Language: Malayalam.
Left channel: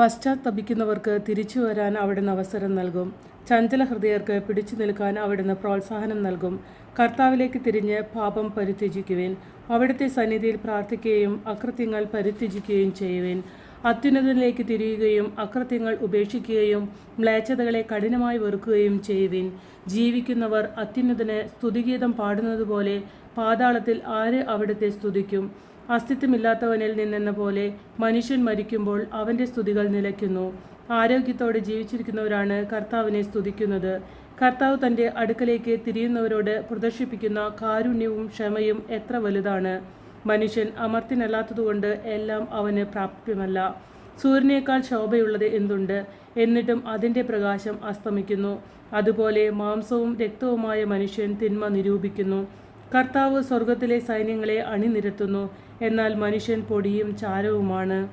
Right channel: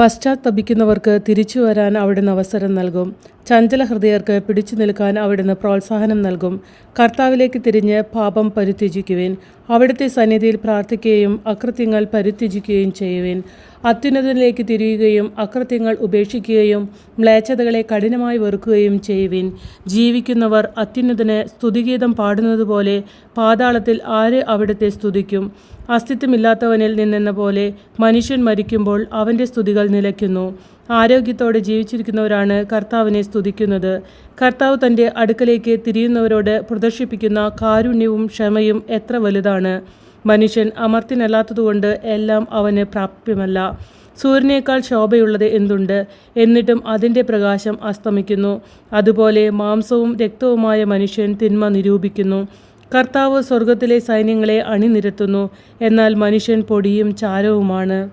പശ്ചാത്തപിക്കുന്നവർക്ക് തിരിച്ചു വരാൻ അവിടുന്ന് അവസരം നൽകും. ചഞ്ചല ഹൃദയർക്ക് പിടിച്ചു നിൽക്കാൻ അവിടുന്ന് പ്രോത്സാഹനം നൽകും. കർത്താവിലേക്ക് തിരിഞ്ഞ് പാപം പരിത്യജിക്കുവേൻ. അവിടുത്തെ സന്നിധിയിൽ പ്രാർത്ഥിക്കുകയും അകൃത്യങ്ങൾ പരിത്യജിക്കുകയും ചെയ്യുവിൻ. അത്യുന്നതനിലേക്ക് തിരിയുകയും അകൃത്യങ്ങൾ ഉപേക്ഷിക്കുകയും മ്ലേച്ഛതകളെ കഠിനമായി വെറുക്കുകയും ചെയ്യുവിൻ. ജീവിക്കുന്നവർ അത്യുന്നതന് സ്തുതിഗീതം പാടുന്നതുപോലെ പാതാളത്തിൽ ആര് അവിടുത്തെ സ്തുതിക്കും? അസ്തിത്വമില്ലാത്തവനിൽ നിന്നെന്ന പോലെ മനുഷ്യൻ മരിക്കുമ്പോൾ അവന്റെ സ്തുതികൾ നിലയ്ക്കുന്നു. ആരോഗ്യത്തോടെ ജീവിച്ചിരിക്കുന്നവരാണ് കർത്താവിനെ സ്തുതിക്കുന്നത്. കർത്താവ് തന്റെ അടുക്കലേക്ക് തിരിയുന്നവരോട് പ്രദർശിപ്പിക്കുന്ന കാരുണ്യവും ക്ഷമയും എത്ര വലുതാണ്. മനുഷ്യൻ അമർത്തിനല്ലാത്തതുകൊണ്ട് എല്ലാം അവന് പ്രാപ്യമല്ല. സൂര്യനേക്കാൾ ശോഭയുള്ളത് എന്തുണ്ട്? എന്നിട്ടും അതിന്റെ പ്രകാശം അസ്തമിക്കുന്നു. അതുപോലെ മാംസവും രക്തവുമായ മനുഷ്യൻ തിന്മ നിരൂപിക്കുന്നു. കർത്താവ് സ്വർഗത്തിലെ സൈന്യങ്ങളെ അണിനിരത്തുന്നു. എന്നാൽ മനുഷ്യൻ പൊടിയും ചാരവുമാണ്.